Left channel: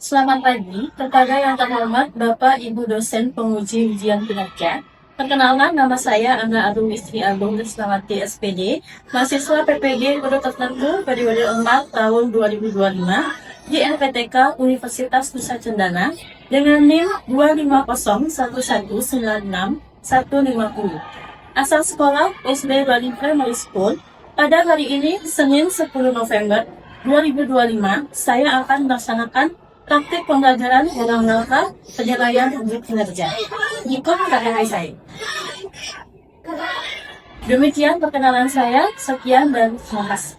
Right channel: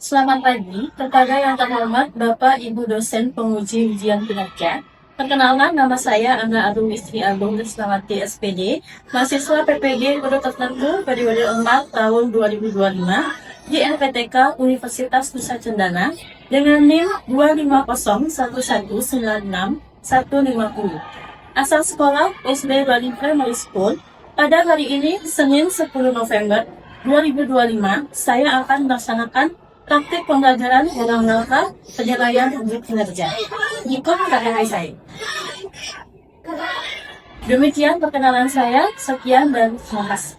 Selamat pagi kepada yang terhormat Bapak Ibu dosen penguji ujian kinerja. Perkenalkan, nama saya Ana Arum Istri Agung Rismawati SPD, mahasiswa PPG Guru Tertentu periode 4 tahun 2025 di LPTK Universitas Nusa Cendana dengan NIM 25011196150. Asal sekolah SD Bali Primary School. Pada hari ini, Senin 10 November 2025, saya akan melaksanakan praktik pembelajaran dalam rangka penilaian uji kinerja. Ikut KKI saya. Demikian perkenalan saya. Sekian dan terima kasih.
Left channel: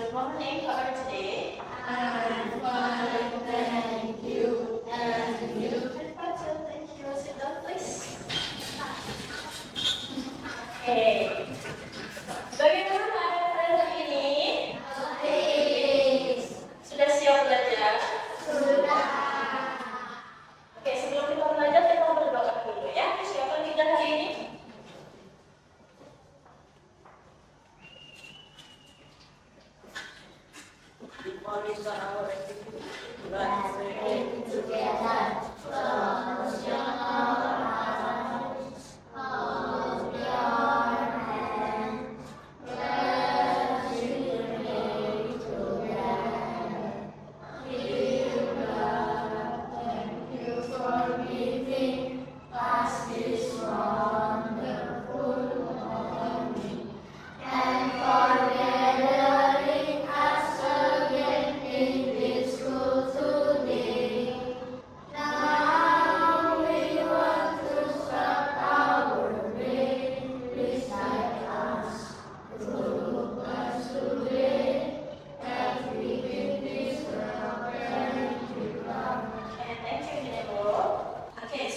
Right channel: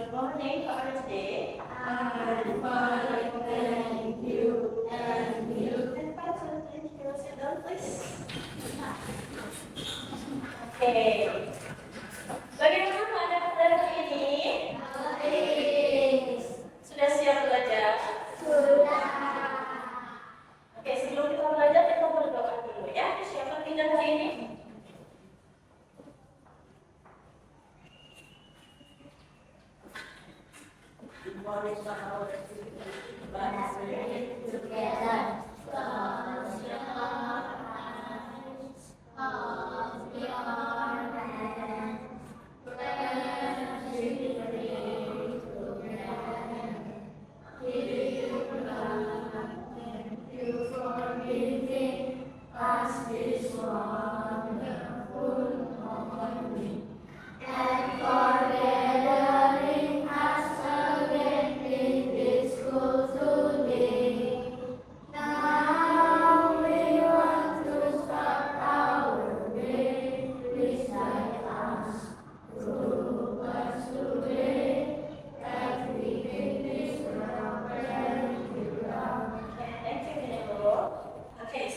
Good morning. How are you today? Thank you. Sit down, please. Okay. Bagaimana keadaan hari ini? Sudah siap belajar? Oke, sebelum kita belajar kita berdoa dulu ya. Siapa kita hari ini?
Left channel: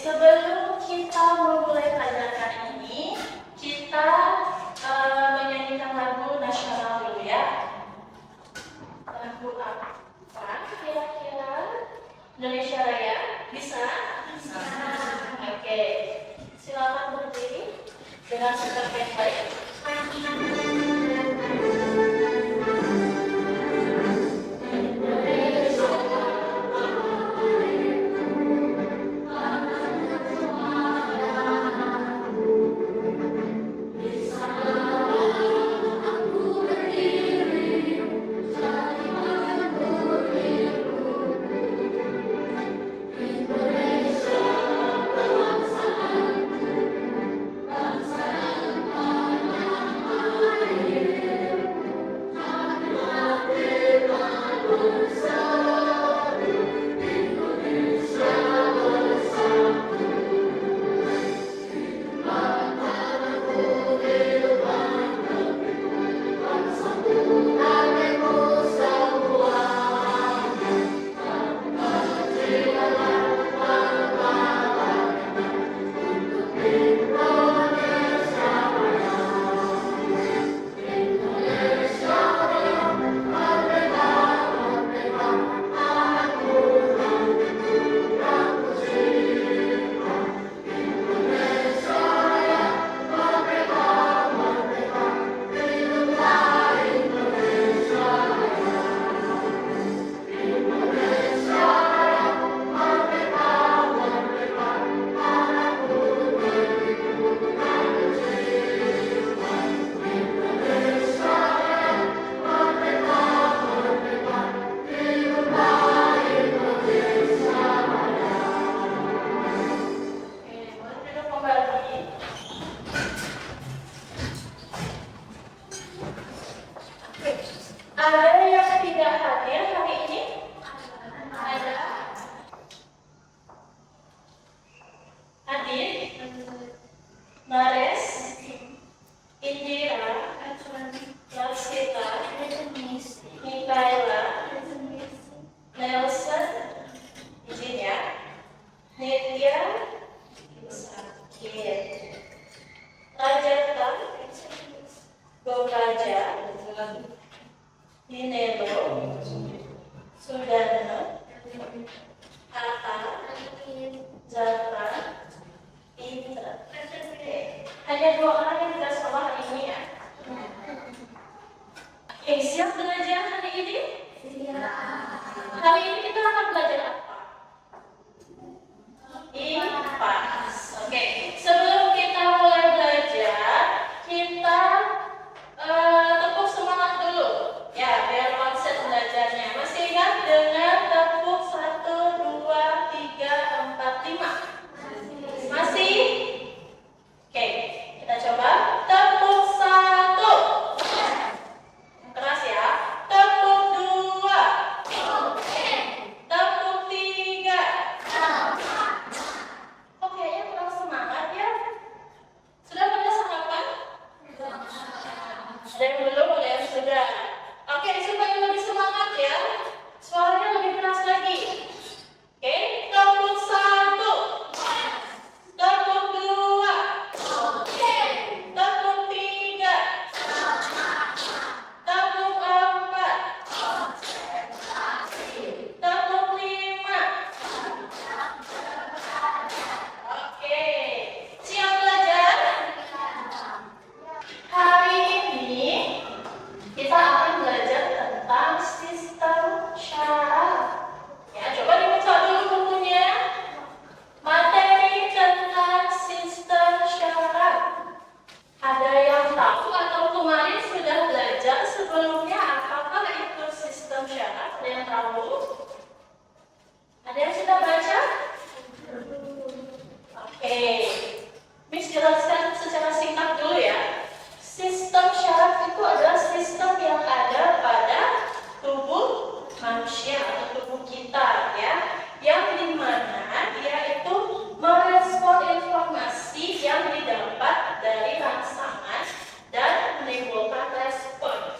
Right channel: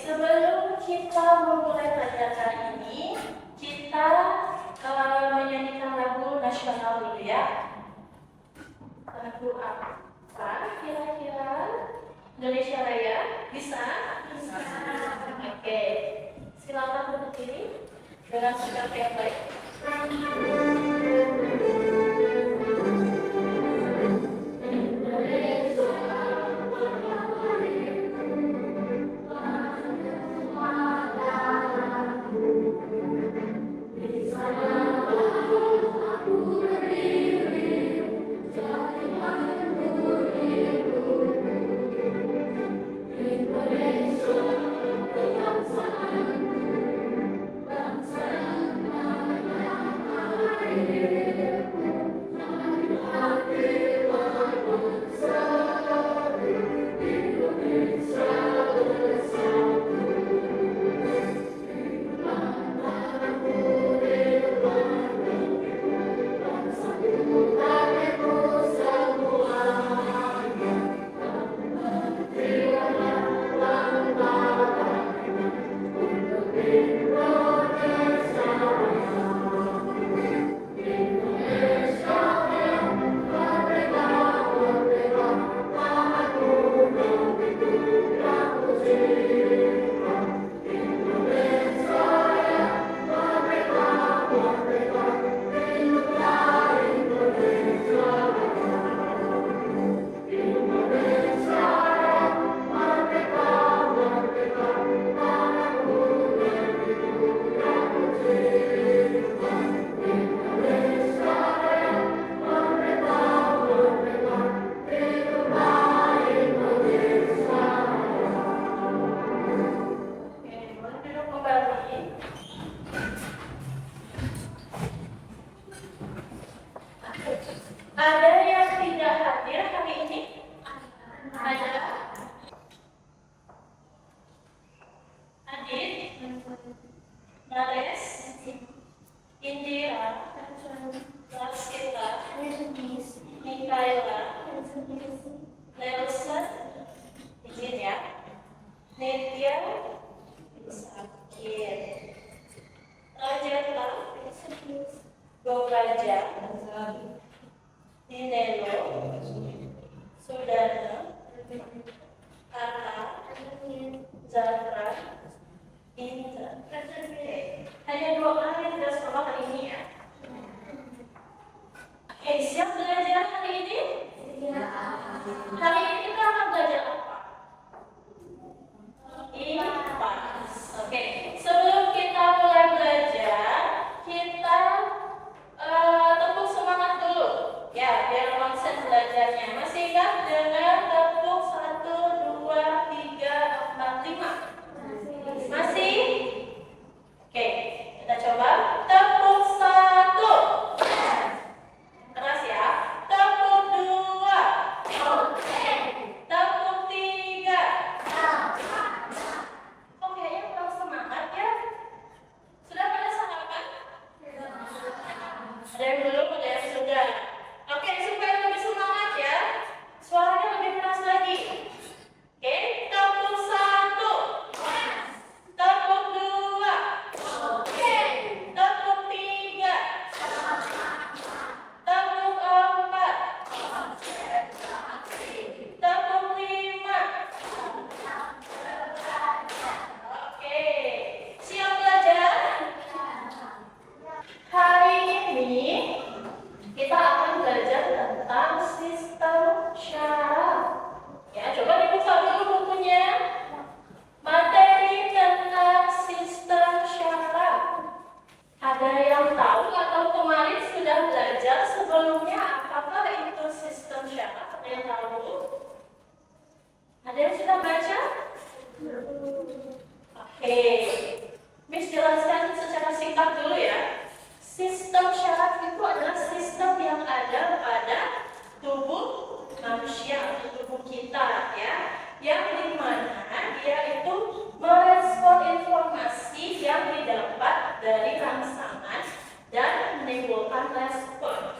Sebelum kita memulai pelajaran kali ini, kita menyanyikan lagu nasional dulu ya. Lagu apa kira-kira? Indonesia Raya? Bisa? Bisa. Oke, silakan berdiri dengan sikap yang baik. Ada yang tidak hadir hari ini? Ada? Adit? Mares? Indira? Laksita? Mikaela? Nelson? Izin ya? Nitya? Sakit. Rajata? Gogaja? Dinelo, Sudana, Ata, Zafra, hanya 2 orang yang tidak sekolah hari ini ya. Oke, siap belajar hari ini? Hari ini kita akan belajar apa? IPA. Oke, sebelum kita mulai belajar, kita tepuk semangat dulu. Ya, biar konsen belajarnya. Masih ingat dengan tepuk 1, 2, 3, 4, 5? Masih? Oke, kita coba. Tepuk 1. Keras ya. Tepuk 2. Tepuk 3. Kok kayaknya kurang semangat ya? Sudah pada sarapan? Dan belum ya sudah. Oke, supaya lebih semangat ya. Suaranya lebih keras lagi. Oke, tepuk 1. Tepuk 2. Tepuk 3. Tepuk 4. Tepuk 5. Oke, siap belajar? Hari ini kita akan belajar tentang sistem syarat. Ya, coba dibuka dulu bukunya. Materi tentang sistem syarat. Ada yang tahu atau kemarin sudah belajar sebelumnya apakah itu sistem syarat? Ada yang tahu? Ada yang sudah baca? Oke, Miss jelaskan secara singkat dulu ya. Sistem syarat itu adalah sistem yang ada pada tubuh manusia atau tubuh kita ya, yang dimana dia itu merespon informasi yang didapat dari rangsangan dan menimbulkan respon.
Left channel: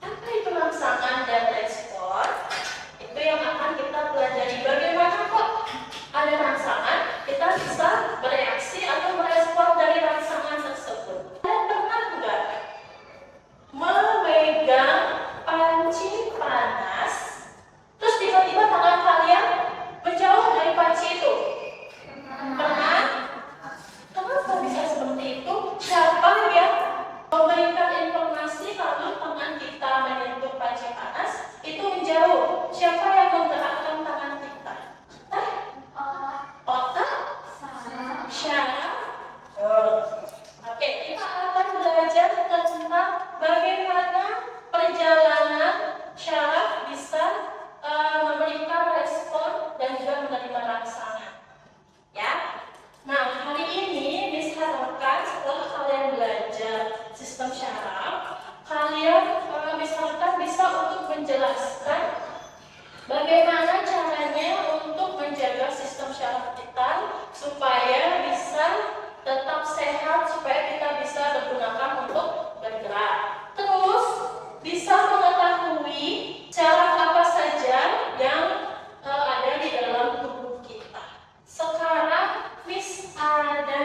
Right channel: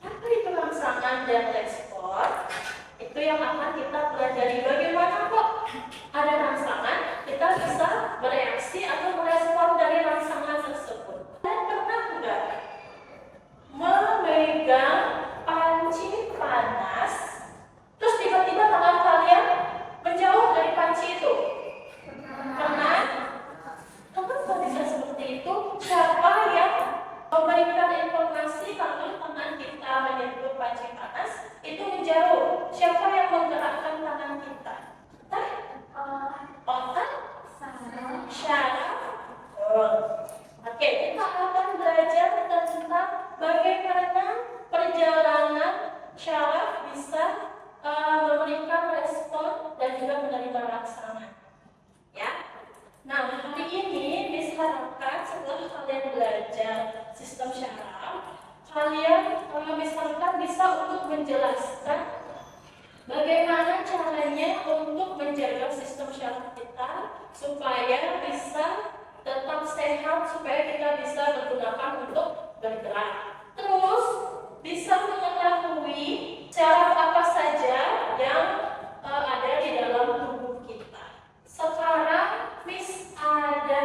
Apa itu rangsangan dan respon? Itu yang akan kita pelajari. Bagaimana kok ada rangsangan, kita bisa bereaksi atau merespon dari rangsangan tersebut. Kalian pernah enggak memegang panci panas, terus tiba-tiba tangan kalian menjauh dari panci itu? Pernah? Kenapa bisa seperti itu? Siapa yang memberikan informasi lalu tangan kita menyentuh panci panas itu menjauh? Siapa yang menggerakkan tangan kita? Otak? Syaraf? Oke, kita akan belajar tentang bagaimana perjalanan syaraf bisa memberikan respon dan juga menerima rangsangan. Ya. Nah, hari ini Miss harapkan setelah kalian belajar sistem syaraf, kalian Miss harapkan bisa untuk menjelaskan bagaimana caranya untuk menjaga sistem syaraf kita supaya bisa tetap sehat, supaya kita bisa bergunakan untuk bergerak. Terus bisa mengetahui syaraf apa saja yang ada di dalam tubuh kita. Sekarang Miss ada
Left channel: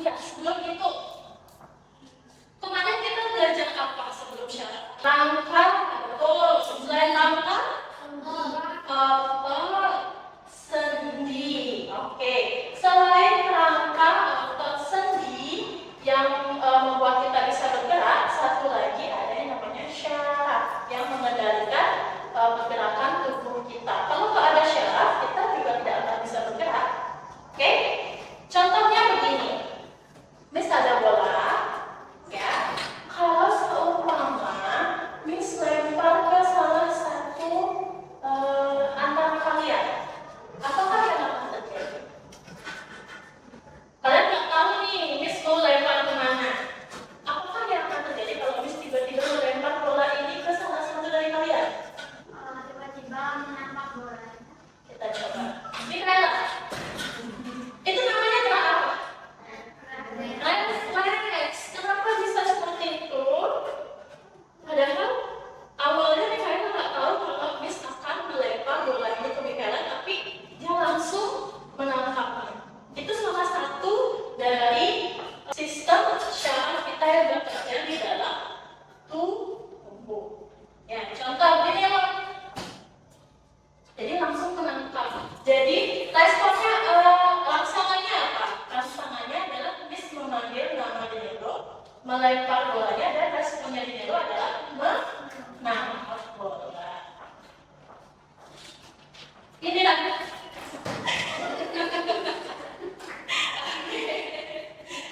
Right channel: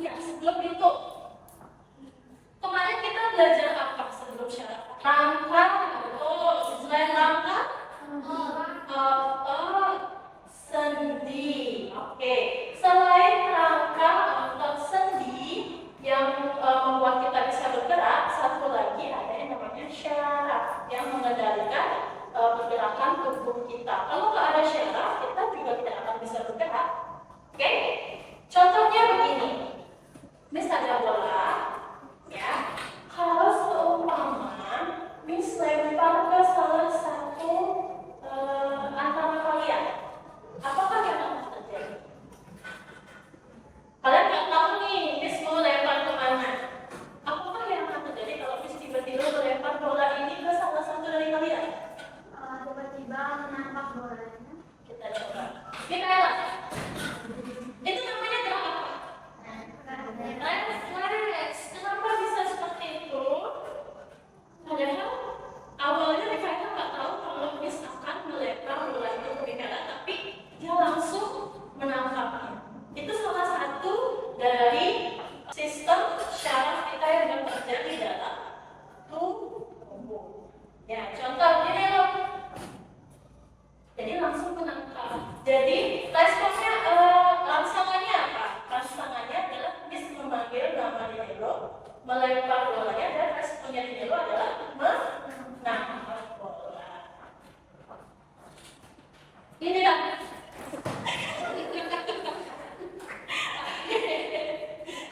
ya, sebelum itu kemarin kita belajar apa sebelum syaraf? Rangka atau selain rangka? Sendi. Oke. Selain rangka atau sendi yang membuat kita bisa bergerak, satu lagi ada yang namanya syaraf yang mengendalikan pergerakan tubuh kita. Kalau nggak ada syaraf, kita juga tidak akan bisa bergerak. Oke? Contohnya begini. Miss ada bola, ya. Kalau seumpama Miss lempar ke salah satu antara kalian, apakah yang akan terjadi? ditiru adalah menangkap bola. Inilah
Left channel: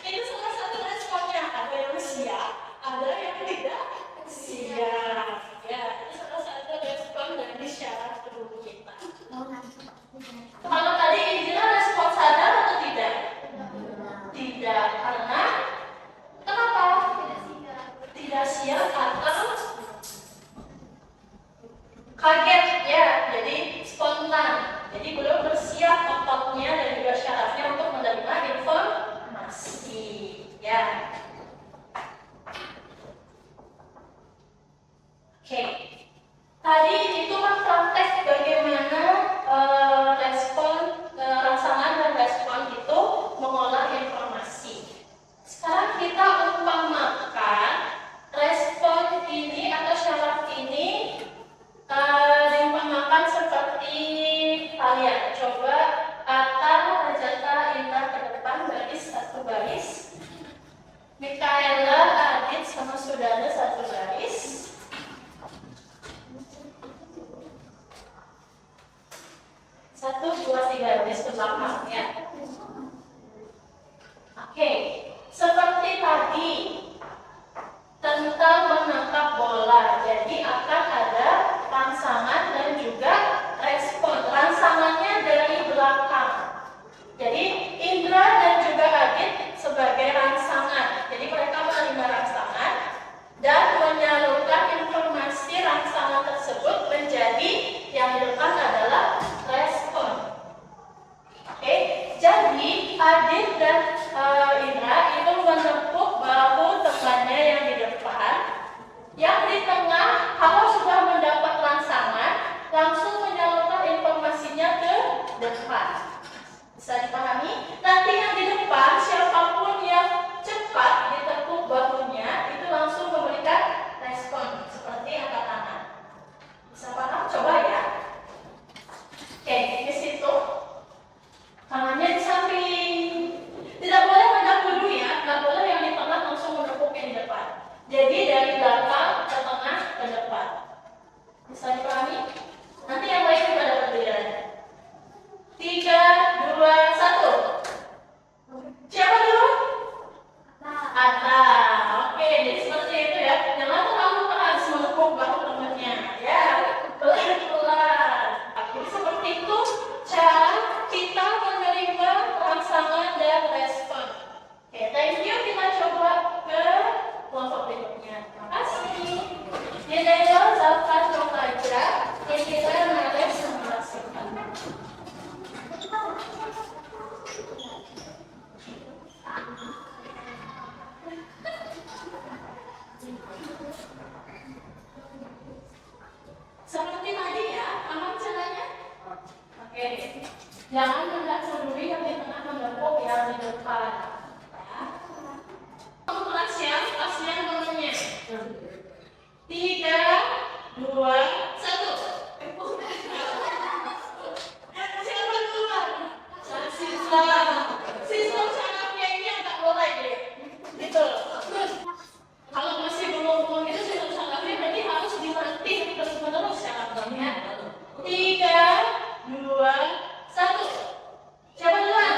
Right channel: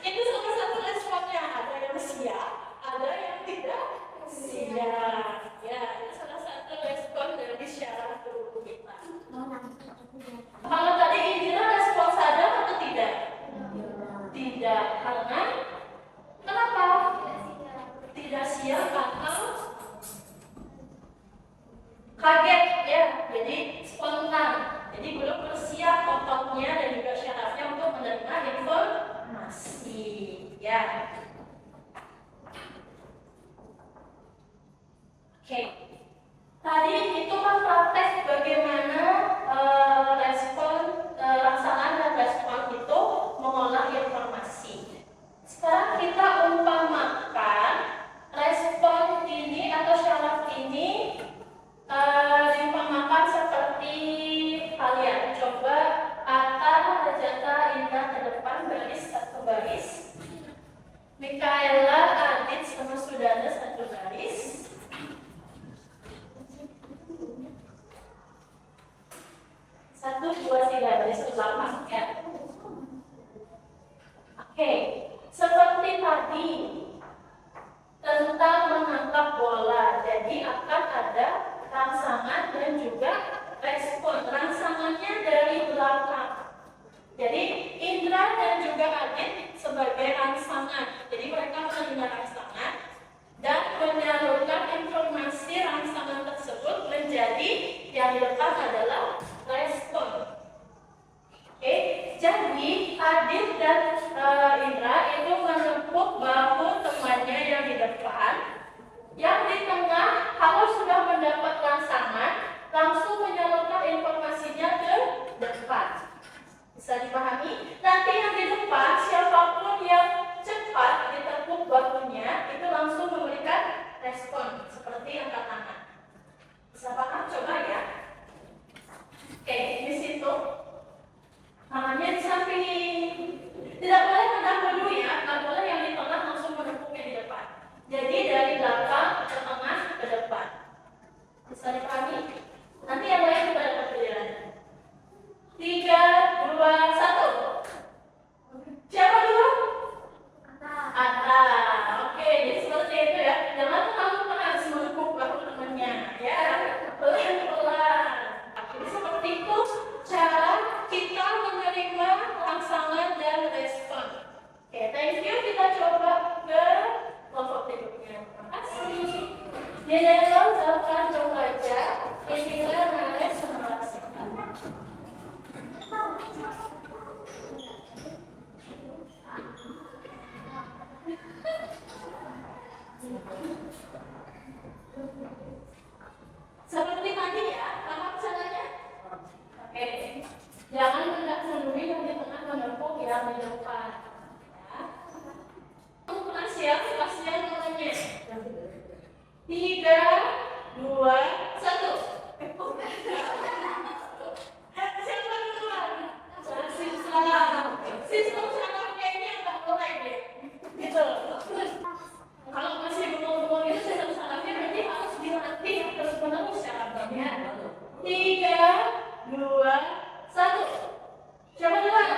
itu salah satu responnya. Ada yang siap, ada yang tidak siap. Ya, itu salah satu respon dari syarat tubuh kita. Kalau tadi Indira respon sadar atau tidak? Tidak, karena kenapa? Tidak siap atau kaget ya, jadi spontan. Jadi belum bersiap otaknya dan juga syarafnya untuk menerima informasi. Ya. Oke. Tadi itu kan praktek bagaimana respon rangsangan dan respon itu mengolah informasi. Sekarang kita umpamakan respon ini atau syaraf ini diumpamakan seperti kalian. Coba Atta, Rajata, Indra ke depan baris satu baris. Mikaela, Adit sama Sudana satu baris. Satu, dua, tiga baris ke belakang ya. Oke, seperti tadi tentang menangkap bola. Jadi akan ada rangsangan dan juga respon. Rangsangannya dari belakang. Jadi Indra dan juga Adit sebagai rangsangan. Jadi mereka menerima rangsangan dan menyalurkan informasi rangsangan tersebut menjadi yang di depan adalah respon. Oke, jadi Adit dan Indra itu menepuk bahu temannya yang di depan. Yang di tengah, kalau sudah mendapat rangsangan, langsung menyalurkan informasinya ke depan. Bisa dipahami? Nanti yang di depan, siapapun yang cepat ditepuk bahunya, itu langsung memberikan respon, seperti angkat tangan. Bisa paham? Coba ya. Oke, di situ. Tangannya di samping. Tidak boleh mendahului ya, tidak boleh yang di tengah langsung menepuk yang di depan. Jadi dari belakang ke tengah ke depan. Bisa dipahami? Nanti yang lain juga dapat gilirannya. 3, 2, 1. Siapa dulu? Atta. Oke, jadi seperti itu ya. Jangan terlalu keras menepuk bahu temannya. Ya, pelan-pelan. Jadi seperti itu cara kita menerima rangsangan dan respon. Oke, thank you. Kita coba ke kelompok berikutnya. Terima kasih. Nilai Zafran Romaja, Indira Naleh Semarasikan. Seperti tadi ya, aman caranya? Oke, jangan mendahului yang di tengah, menepuk yang di depan. Ya. Kemudian siap, pasnya nomornya. 3, 2, 1. Siapa duluan? Sistem sarafnya ini agak mulai deh. Gitu. Kalau masih bengong-bengong itu sistem sarafnya berarti harus dilatih terus-menerus ya abangnya. 3, 2, 1. Siapa duluan?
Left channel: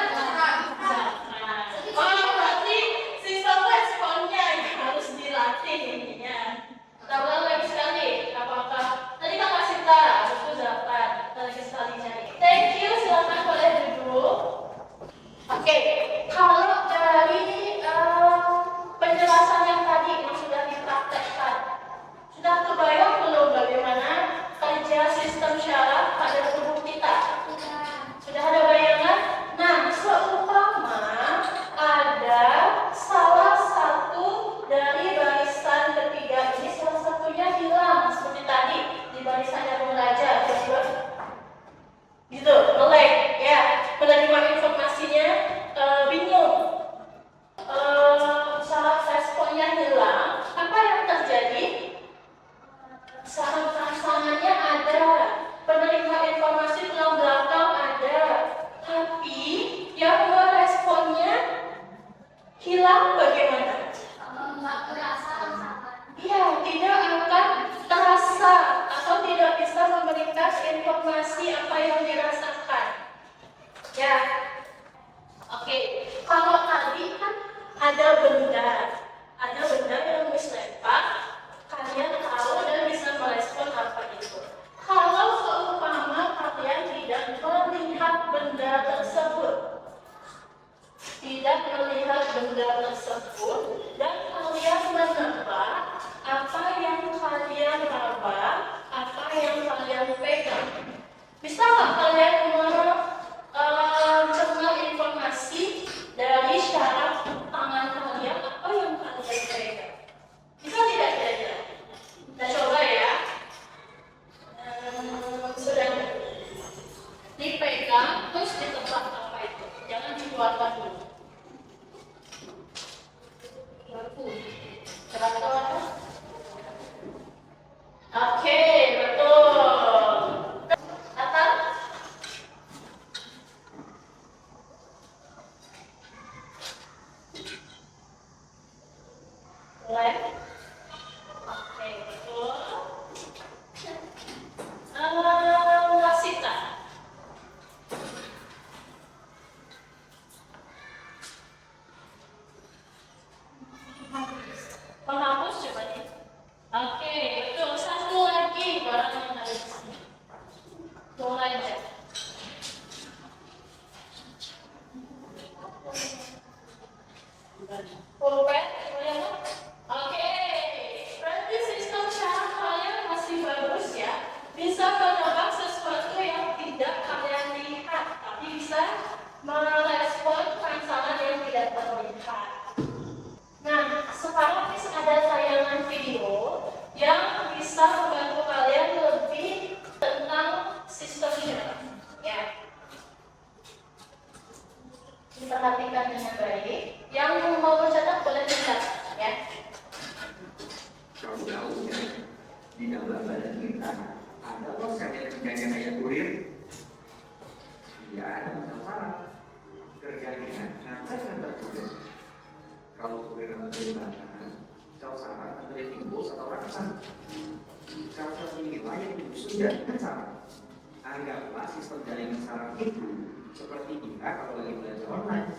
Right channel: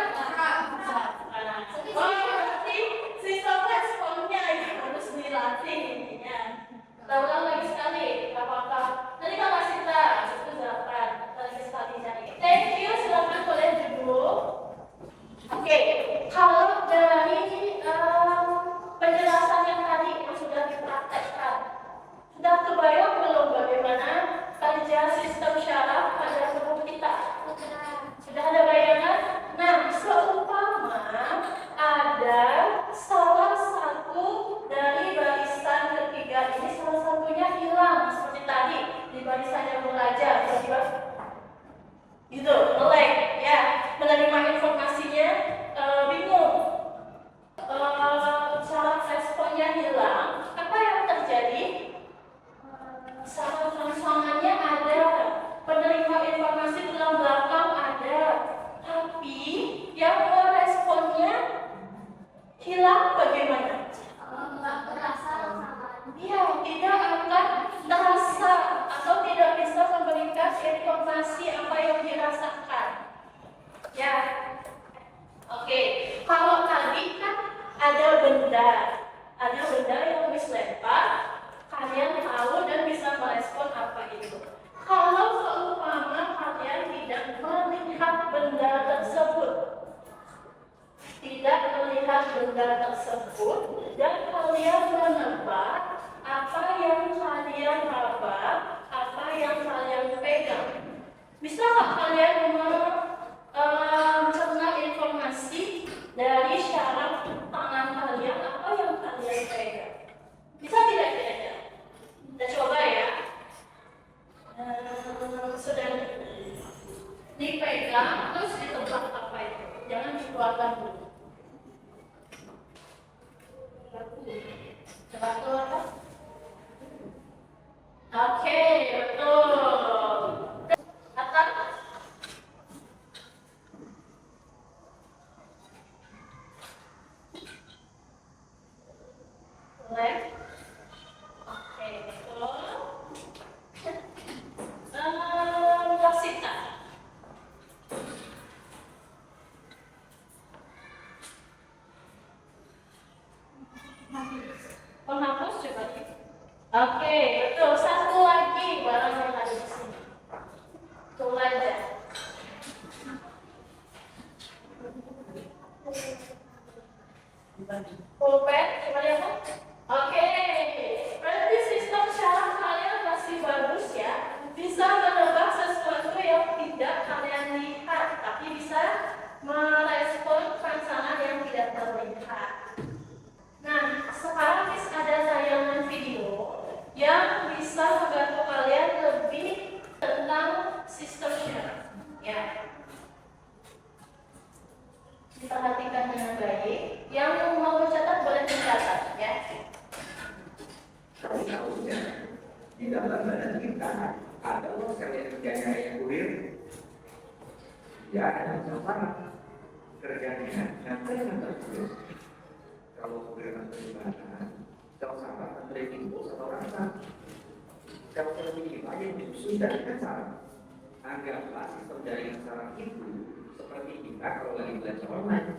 Oh, berarti sistem responnya ini harus dilatih intinya. Kita ulang lagi sekali, gak apa-apa. Tadi kan masih tak, itu Zafran. Kita lagi sekali cari. Thank you, silakan boleh duduk. Oke, kalau dari penjelasan yang tadi yang sudah dipraktekkan, sudah terbayang belum bagaimana kerja sistem syaraf pada tubuh kita? Sudah ada bayangan? Nah, seumpama ada salah satu dari barisan ketiga ini, salah satunya hilang seperti tadi di barisan yang belajar, tiba-tiba gitu, melek, ya, menerima informasinya bingung, saraf responnya hilang. Apa yang terjadi? Saraf rangsangannya ada, penerima informasi tulang belakang ada, tapi yang meresponnya hilang bagaimana? Nggak berasa rangsangan. Iya, benda tersebut dan kalian menebak apa yang kalian raba, apa yang kalian pegang. Bisa nggak kalian mencerna informasi dari syarat tangan kalian apa yang kalian pegang? Bisa tidak kira-kira? Kita coba ya. Sudah dipegang terus ditebak apa itu? Jangan dikeluarkan dulu. Serangga apa? Oke, betul. Atau mulai. Oke, betul. Wasita. Penghapus coba nih. Oke, betul. Satu lagi barang yang ada di sini. Tunggu aja. Pulpen, coba lihat. Oke, berarti sistem syarat kalian masih bagus ya. Bisa menebak sesuatu yang tidak kalian lihat, tapi bisa merespon rangsangan yang tidak terlihat. Nah, sekarang ada tayangan video yang bisa membantu kalian lebih tentang sistem syarat. Ya. Diperhatikan dengan baik. Yang mau mencatat boleh mencatat, ya. Kamu tahu ya, di dalam badan kita ada sel yang kerjanya kayak kurir. Ya, ada sama kerjanya ngantar kurir. Kalau kurir nanti makanan, sel saraf antara impuls atau rangsang. Sel-sel ini kita yang disusun dari saraf. Anggaplah sistem jaringan saraf itu seperti kita kalau lagi belajar online.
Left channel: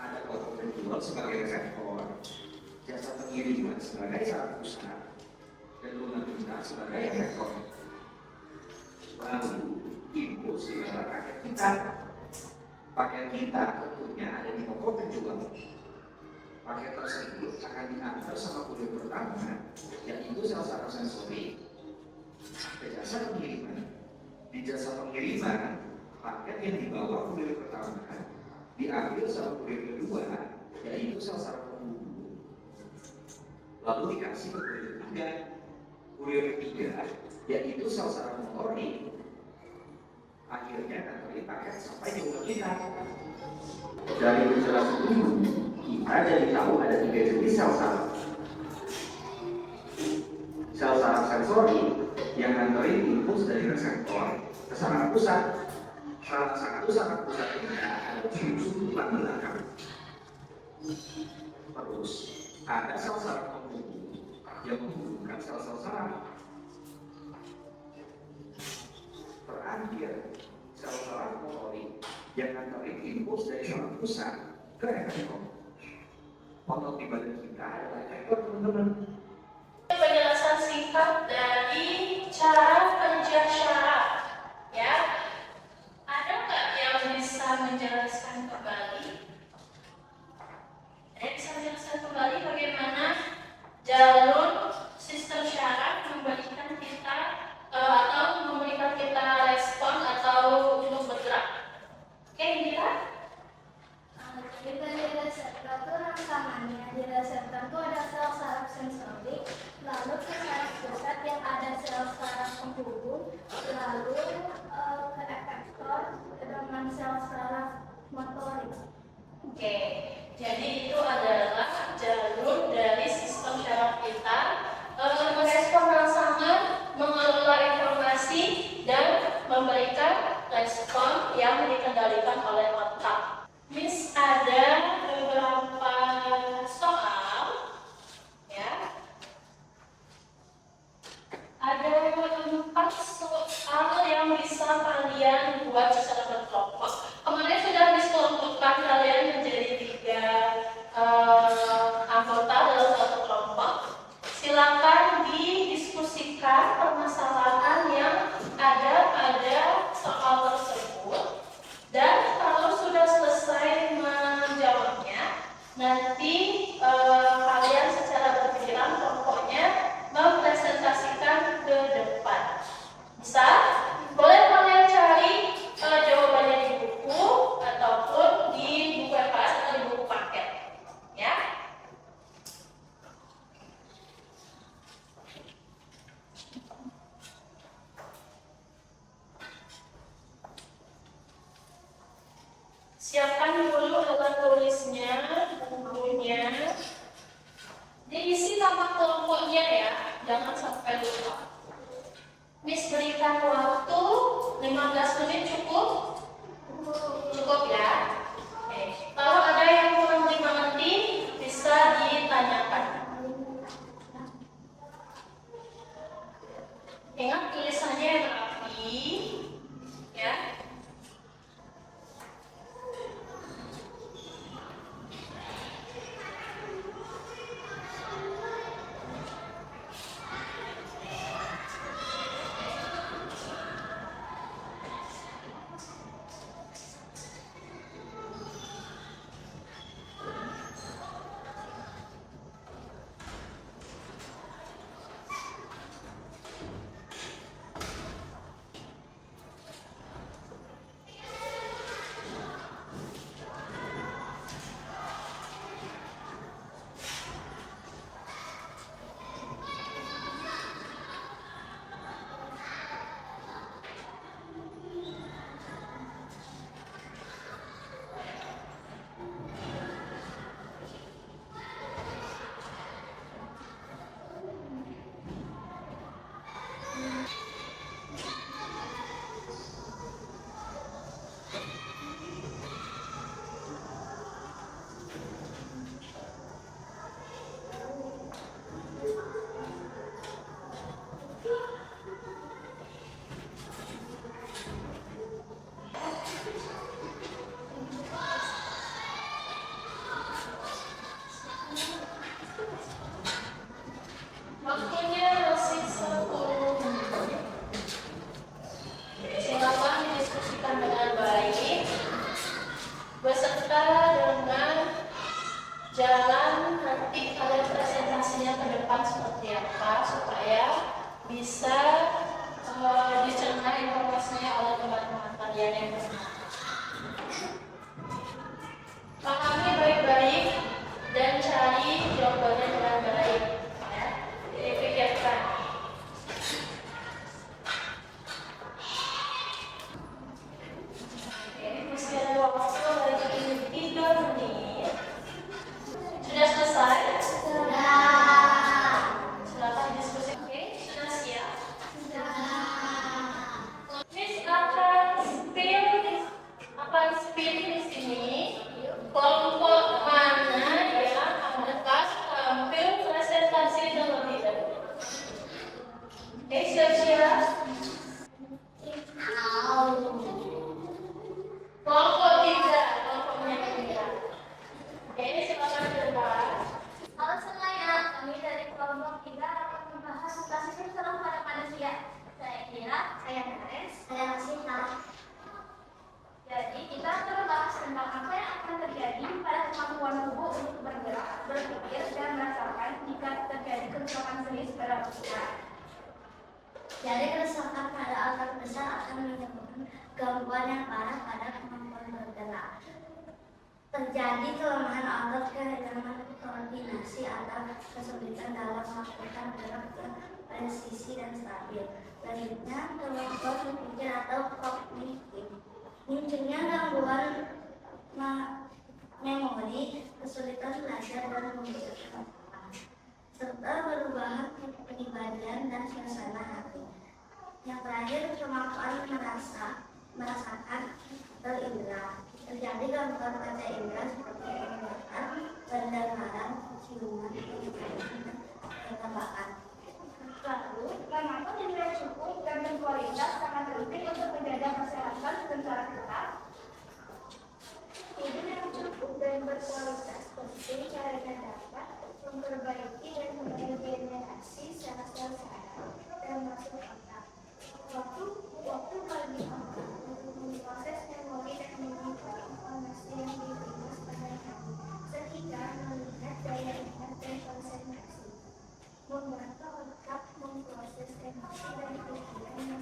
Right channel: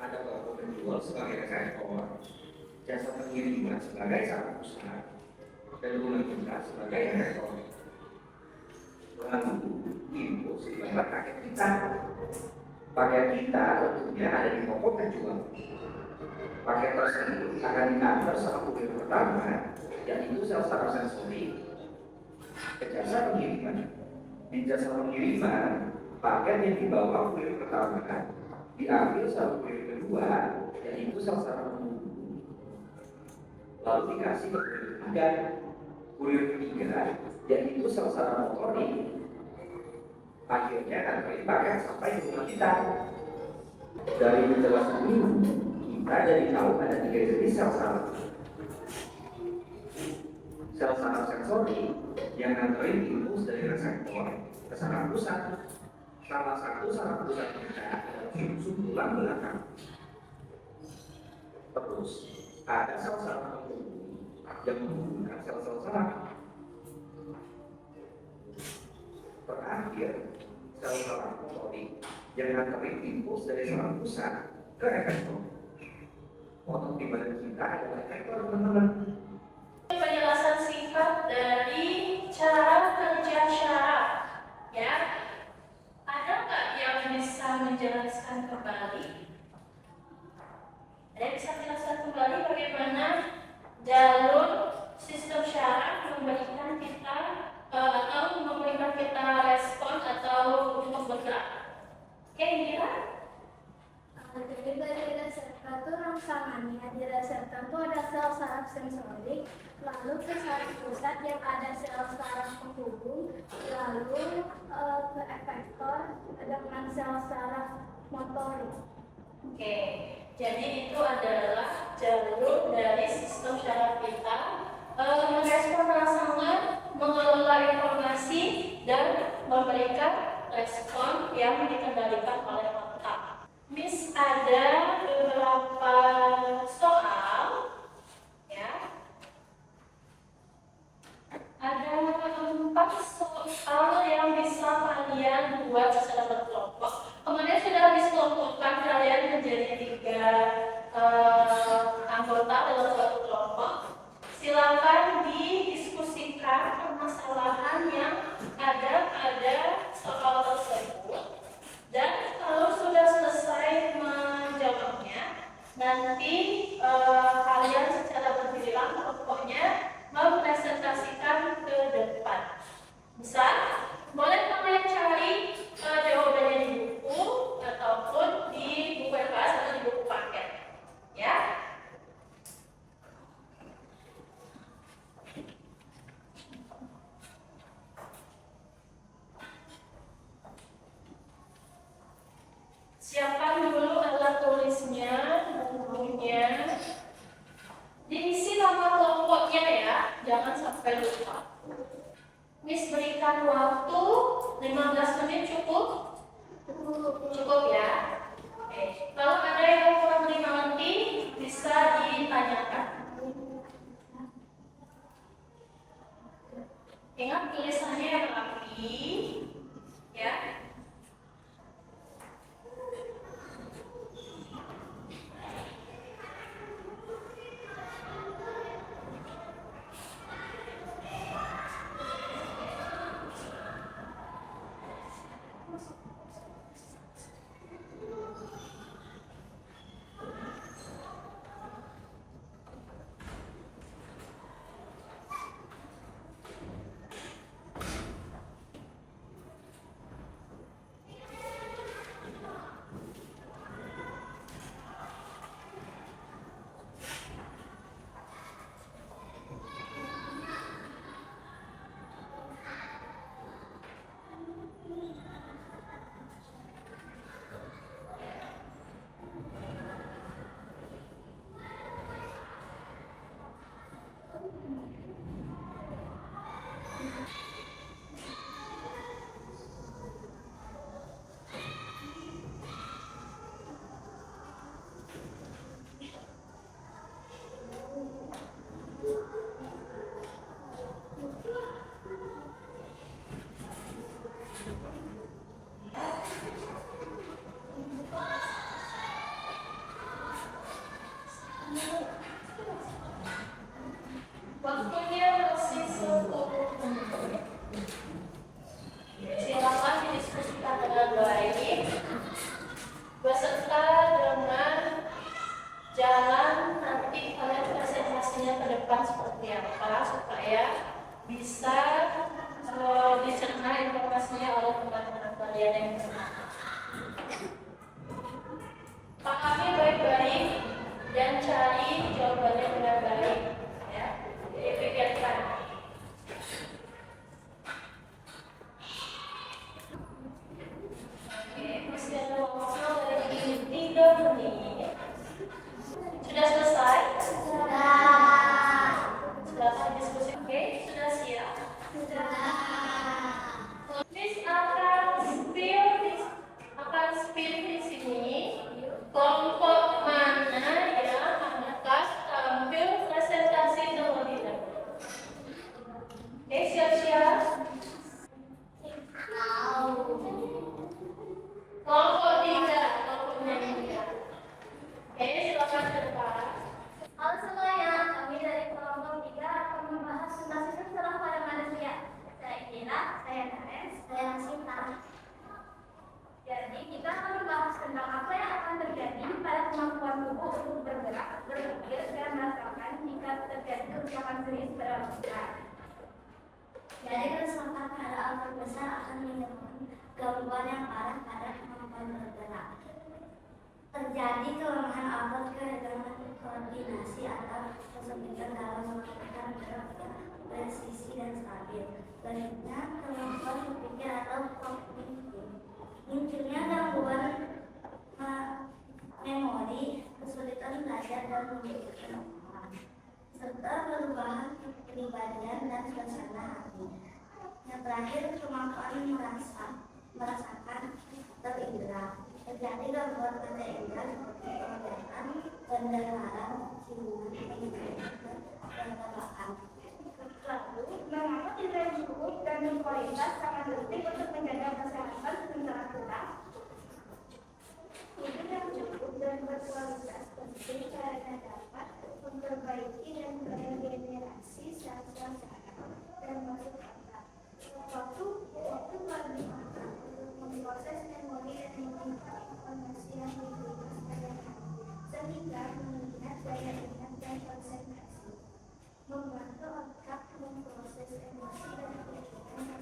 Ada kelompok penjual sebagai reseptor, jasa pengiriman sebagai saraf pusat, dan rumah kita sebagai reseptor. Lalu impuls di dalam paket kita. Paket kita tentunya ada di kelompok penjual. Paket tersebut akan diantar sama kurir pertama, yaitu sel saraf sensori, ke jasa pengiriman. Di jasa pengiriman, paket yang dibawa kurir pertama diambil sel kurir kedua, yaitu sel saraf penghubung. Lalu dikasih ke kurir ketiga. Kurir ketiga, yaitu sel saraf motorik. Akhirnya akan paket sampai di rumah kita. Dari penjelasan ini, kita jadi tahu ada 3 jenis sel saraf. Sel saraf sensori yang nganterin impuls dari reseptor ke saraf pusat. Salah satu saraf pusat kita adalah sumsum tulang belakang. Terus ada sel saraf penghubung yang menghubungkan sel-sel saraf. Terakhir, sel saraf motorik yang nganterin impuls dari saraf pusat ke efektor. Otot di badan kita adalah efektor, teman-teman. Penjelasan singkat dari cara kerja syarat, ya. Ada nggak yang bisa menjelaskan kembali? Ada yang bisa menjelaskan kembali bagaimana jalur sistem syarat memberikan kita atau memberikan kita respon atau untuk bergerak? Oke, Indira? Jadi dari reseptor itu rangsangannya, di reseptor itu ada sel saraf sensorik, lalu ke saraf pusat yang ada sel saraf penghubung, lalu ke efektor dengan sel saraf motorik. Oke, jadi itu adalah jalur dari sistem syaraf kita merespon rangsangan, mengelola informasi, dan memberikan respon yang dikendalikan oleh otak. Miss ada beberapa soal, ya. Ada 4 soal yang bisa kalian buat secara berkelompok. Kemudian sudah dikelompokkan kalian menjadi 3 anggota dalam suatu kelompok. Silakan didiskusikan permasalahan tulisnya, bukunya. Diisi nama kelompoknya ya, jangan sampai lupa. Miss berikan waktu 15 menit cukup? Cukup ya? Oke. Kalau ada yang kurang 5 menit, bisa ditanyakan. Ingat tulisannya yang rapi, ya. Waktunya masih 10 menit. Silakan didiskusikan dengan baik beserta dengan jalan nanti kalian presentasinya ke depan seperti apa supaya bisa dicerna informasinya oleh teman-teman kalian yang bersama. Pahami baik-baik dan cari jawabannya dengan baik. Ya, jadi pikirkan. Oke, masih ada waktu dari 3 menit. Sudah selesai? Silakan diskusi. Oke, sudah siap? Miss akan spill di sini kelompok mana yang akan tampil presentasi terlebih dahulu. Oke, siap-siap. Kelompok 3, kelompoknya 3. Oke, silakan ke depan. Halo semuanya, kami dari kelompok 3 akan membahas tentang sistem saraf pada manusia. Saya Kira, saya Karen, saya Rasita. Jadi kita akan membahas tentang apa yang akan terjadi pada kemampuan tubuh untuk bergerak, berpikir, dan merasakan jika terjadi kerusakan serius pada manusia. Jadi kerusakan pada otak besar akan menyebabkan gangguan yang parah pada kemampuan bergerak. Terjadi kelemahan otot, kehilangan koordinasi atau kesulitan dalam melakukan gerak presisi dan stabil. Selanjutnya, kemampuan berpikir atau kognitif. Munculnya gangguan memori, kesulitan belajar dan memikirkan otak, serta perubahan kepribadian dan suasana hati. Yang terakhir, kemampuan merasakan terindra. Terjadi gangguan panca indera seperti penglihatan, pendengaran, ciuman, penglihatan, dan penebakan. Lalu, mengapa tidur yang cukup dan berkualitas sangat penting untuk menjaga kesehatan sementara kita? Tidur yang cukup dan berkualitas penting karena dapat memperbaiki dan meregenerasi sel-sel saraf dan masuk otak. Waktu paling penting untuk memproses memori dan menyimpan informasi yang diterima sepanjang hari, sehingga meningkat daya ingat dan konsentrasi. Membantu otak memproses emosi dan pikiran yang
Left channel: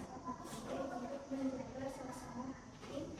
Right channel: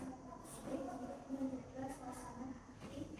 untuk menjaga suasana hati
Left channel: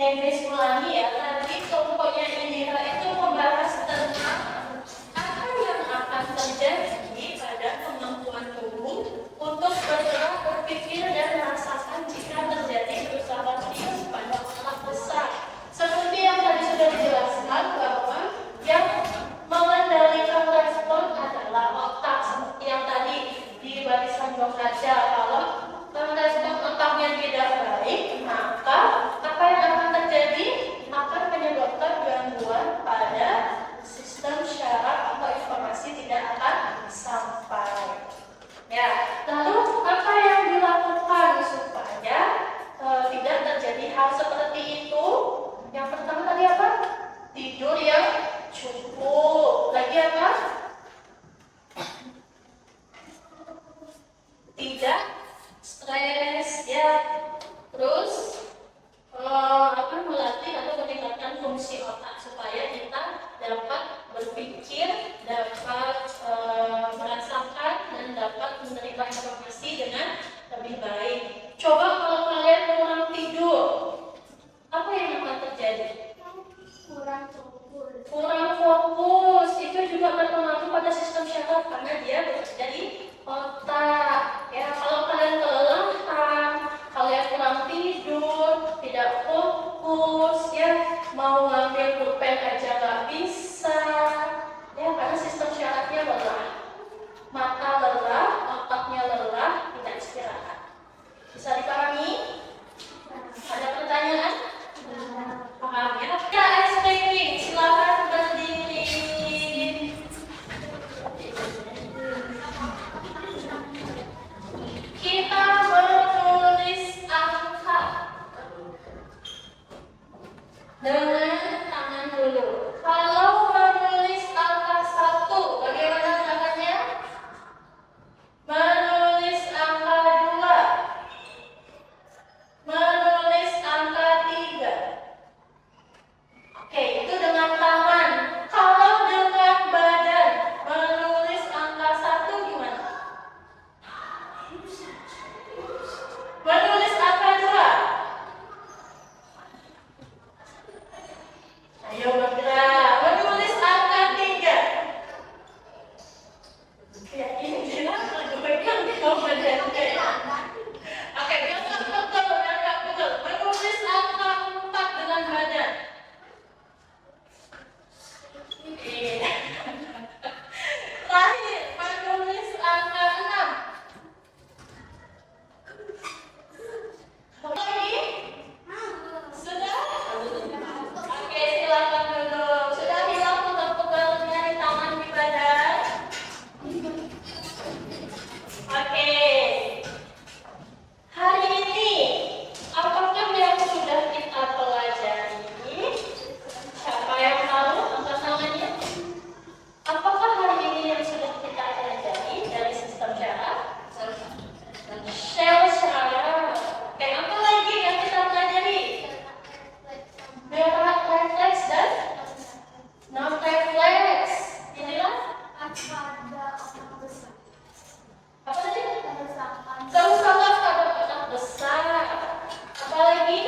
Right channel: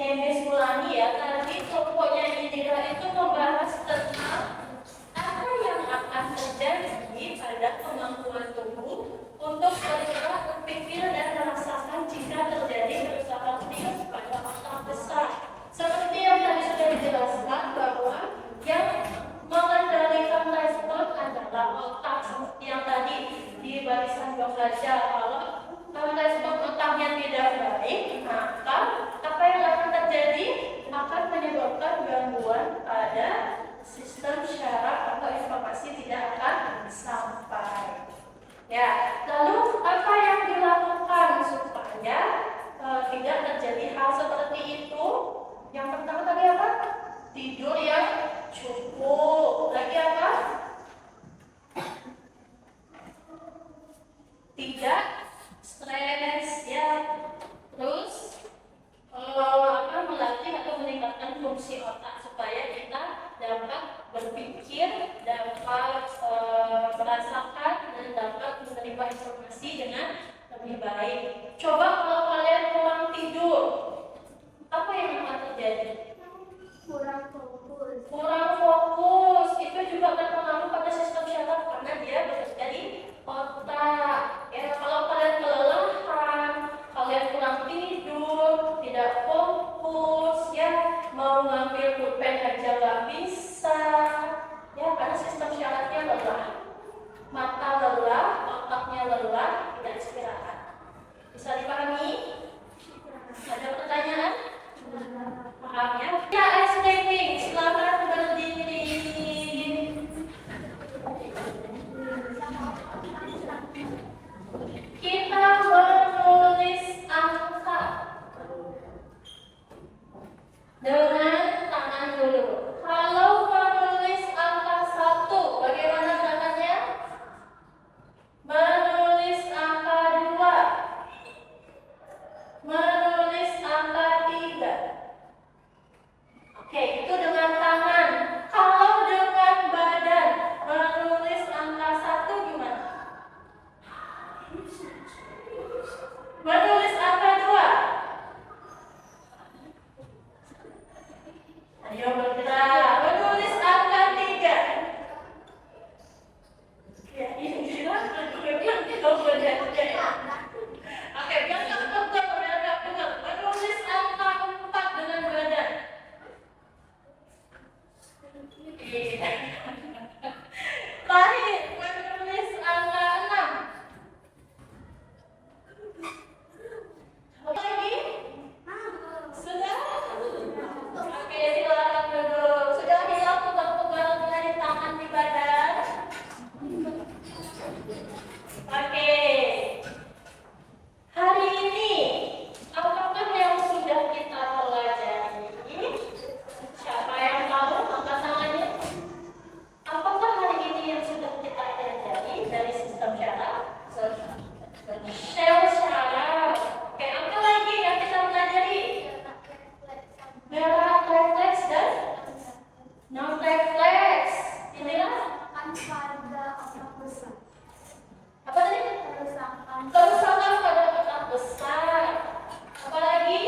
Miss ulangi ya, tadi pokoknya Indira itu membahas tentang apa yang akan terjadi pada kemampuan tubuh untuk bergerak, berpikir, dan merasakan jika terjadi pesawat serius pada otak besar. Seperti yang tadi sudah dijelaskan bahwa yang mengendalikan respon adalah otak, seperti yang tadi di barisan 2 kaca. Kalau respon otaknya tidak baik, maka apa yang akan terjadi akan menyebabkan gangguan pada sistem syaraf atau informasi tidak akan sampai. Ya, lalu apa yang dilakukan supaya tidak terjadi hal seperti itu? Yang pertama tadi apa? Tidur yang cukup. Lagi apa? Tidak stres ya. Terus melatih atau meningkatkan fungsi otak supaya kita dapat berpikir, dapat merasakan, dan dapat menerima informasi dengan lebih baik. Coba kalau kalian kurang tidur, apa yang akan terjadi? Kurang fokus. Kurang fokus, itu juga berpengaruh pada sistem syaraf karena dia bekerja di otak. Ya, kalau kalian kelelahan, kalian kurang tidur, tidak fokus, ya mau ngambil pulpen aja nggak bisa, ya karena sistem syarafnya lelah, mata lelah, otaknya lelah, tidak istirahat. Bisa dipahami? Ada pertanyaan? Paham ya? Ya, ice creaming, silakan berdiri. Kita menulis angka dengan tangan dulu. Kalau menulis angka 1, bagaimana caranya? Menulis angka 2, menulis angka 3. Oke, itu dengan tangan. Kalau dengan badan, menulis angka 1 gimana? Menulis angka 2. Ayo bergerak. Menulis angka 3. Ya, ini kenapa? Pegang benar. Oke, biar betul. Menulis angka 4 dengan badan. Iya. Terakhir, menulis angka 6. Lagi? Sudah? Oke, silakan duduk. Sudah hilang pegal-pegalnya di tangan, di badan? Oke. Hari ini, apakah yang sudah kita pelajari? Siapa yang tahu angkat tangannya? Apakah hari ini yang sudah kita pelajari dari sistem syaraf? Sel syaraf. Oke, apa lagi yang kita pelajari? Nerve refleks dan non-refleks. Inilah apa tadi? Kerusakan pada otak besar. Apa lagi?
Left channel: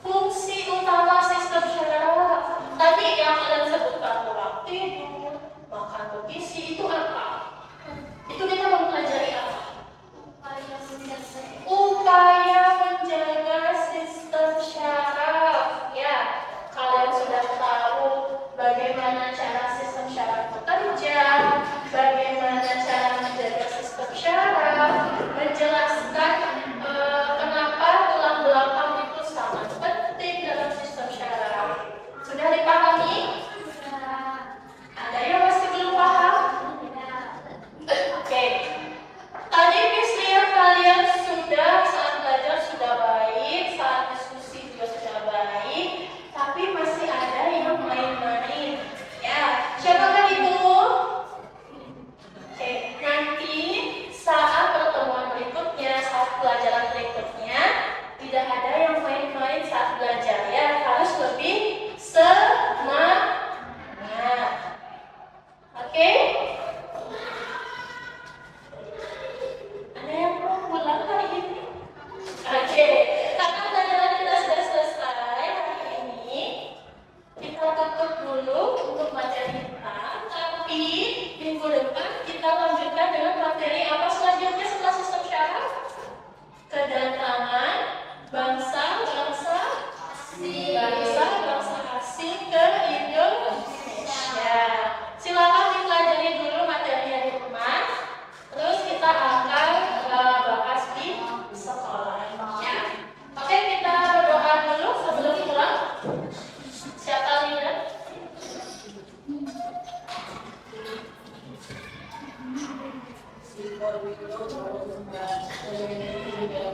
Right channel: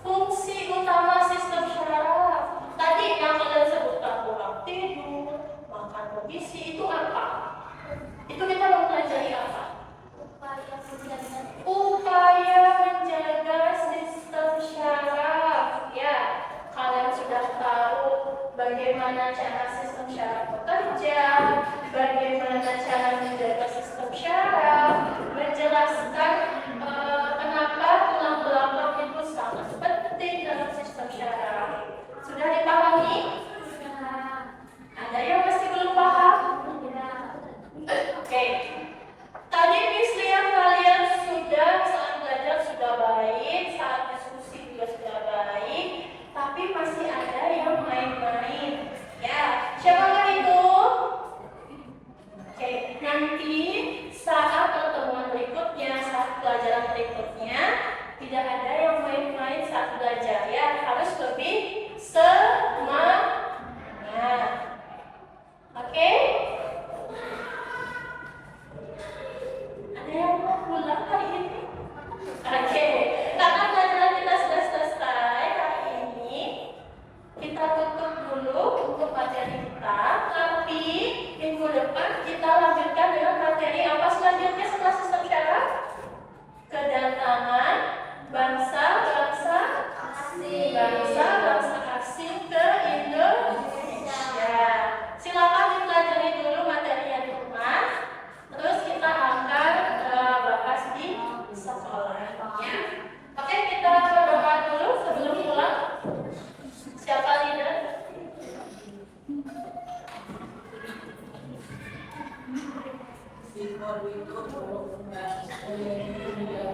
Fungsi utama sistem syaraf. Tadi yang kalian sebutkan kurang tidur, makan bergizi, itu apa? Itu kita mempelajari apa? Upaya menjaga sistem syaraf. Ya, kalian sudah tahu bagaimana cara sistem syaraf bekerja, bagaimana cara menjaga sistem syaraf, menjelaskan kenapa tulang belakang itu sangat penting dalam sistem syaraf. Sudah dipahami? Ada yang masih belum paham? Oke. Tadi Miss lihat kalian saat belajar sudah baik, saat diskusi juga sudah baik, tapi masih ada yang main-main. Ya, siapakah itu? Oke, nanti saat pertemuan berikutnya, saat pelajaran berikutnya, tidak ada yang main-main saat belajar. Ya, harus lebih semangat. Oke? Ada yang mau pulang hari ini? Oke. dengan